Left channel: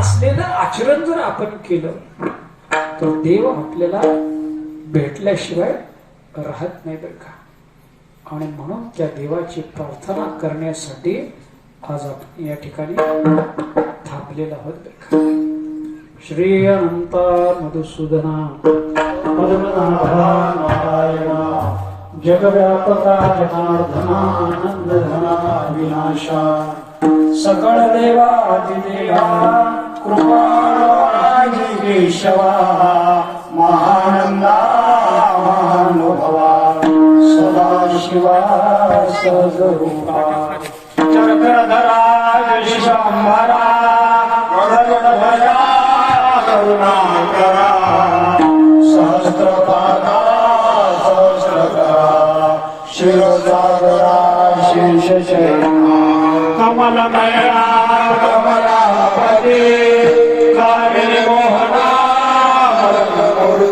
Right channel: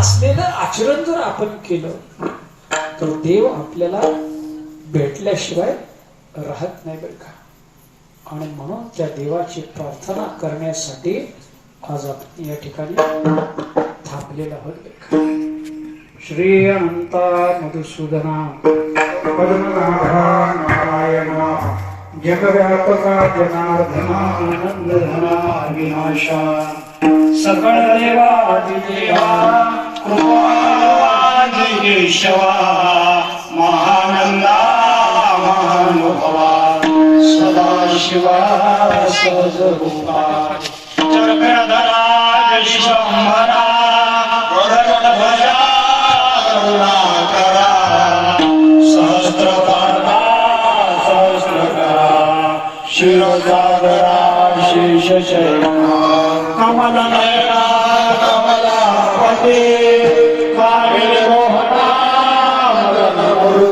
असलेलं आचरण जर आपण केलं तर देव आपल्याला भेटल्याशिवाय राहत नाही बरं का. आणि म्हणून त्या देवाची प्रार्थना करण्यासाठी आज आपण या ठिकाणी थांबलेलो आहोत बरं का. श्री अनंत मधुसूदना नारायणा जगव्यापका जनार्दना धना विनाशा सकळ देवा देवा कृपाजी केशवा महानंदा महानुभवा सदाशिवा सजरूपा चक्रधरा विश्वंभरा गरुडध्वजा करुणाकरा सहस्रकरा शिरोजागरा शेषशयना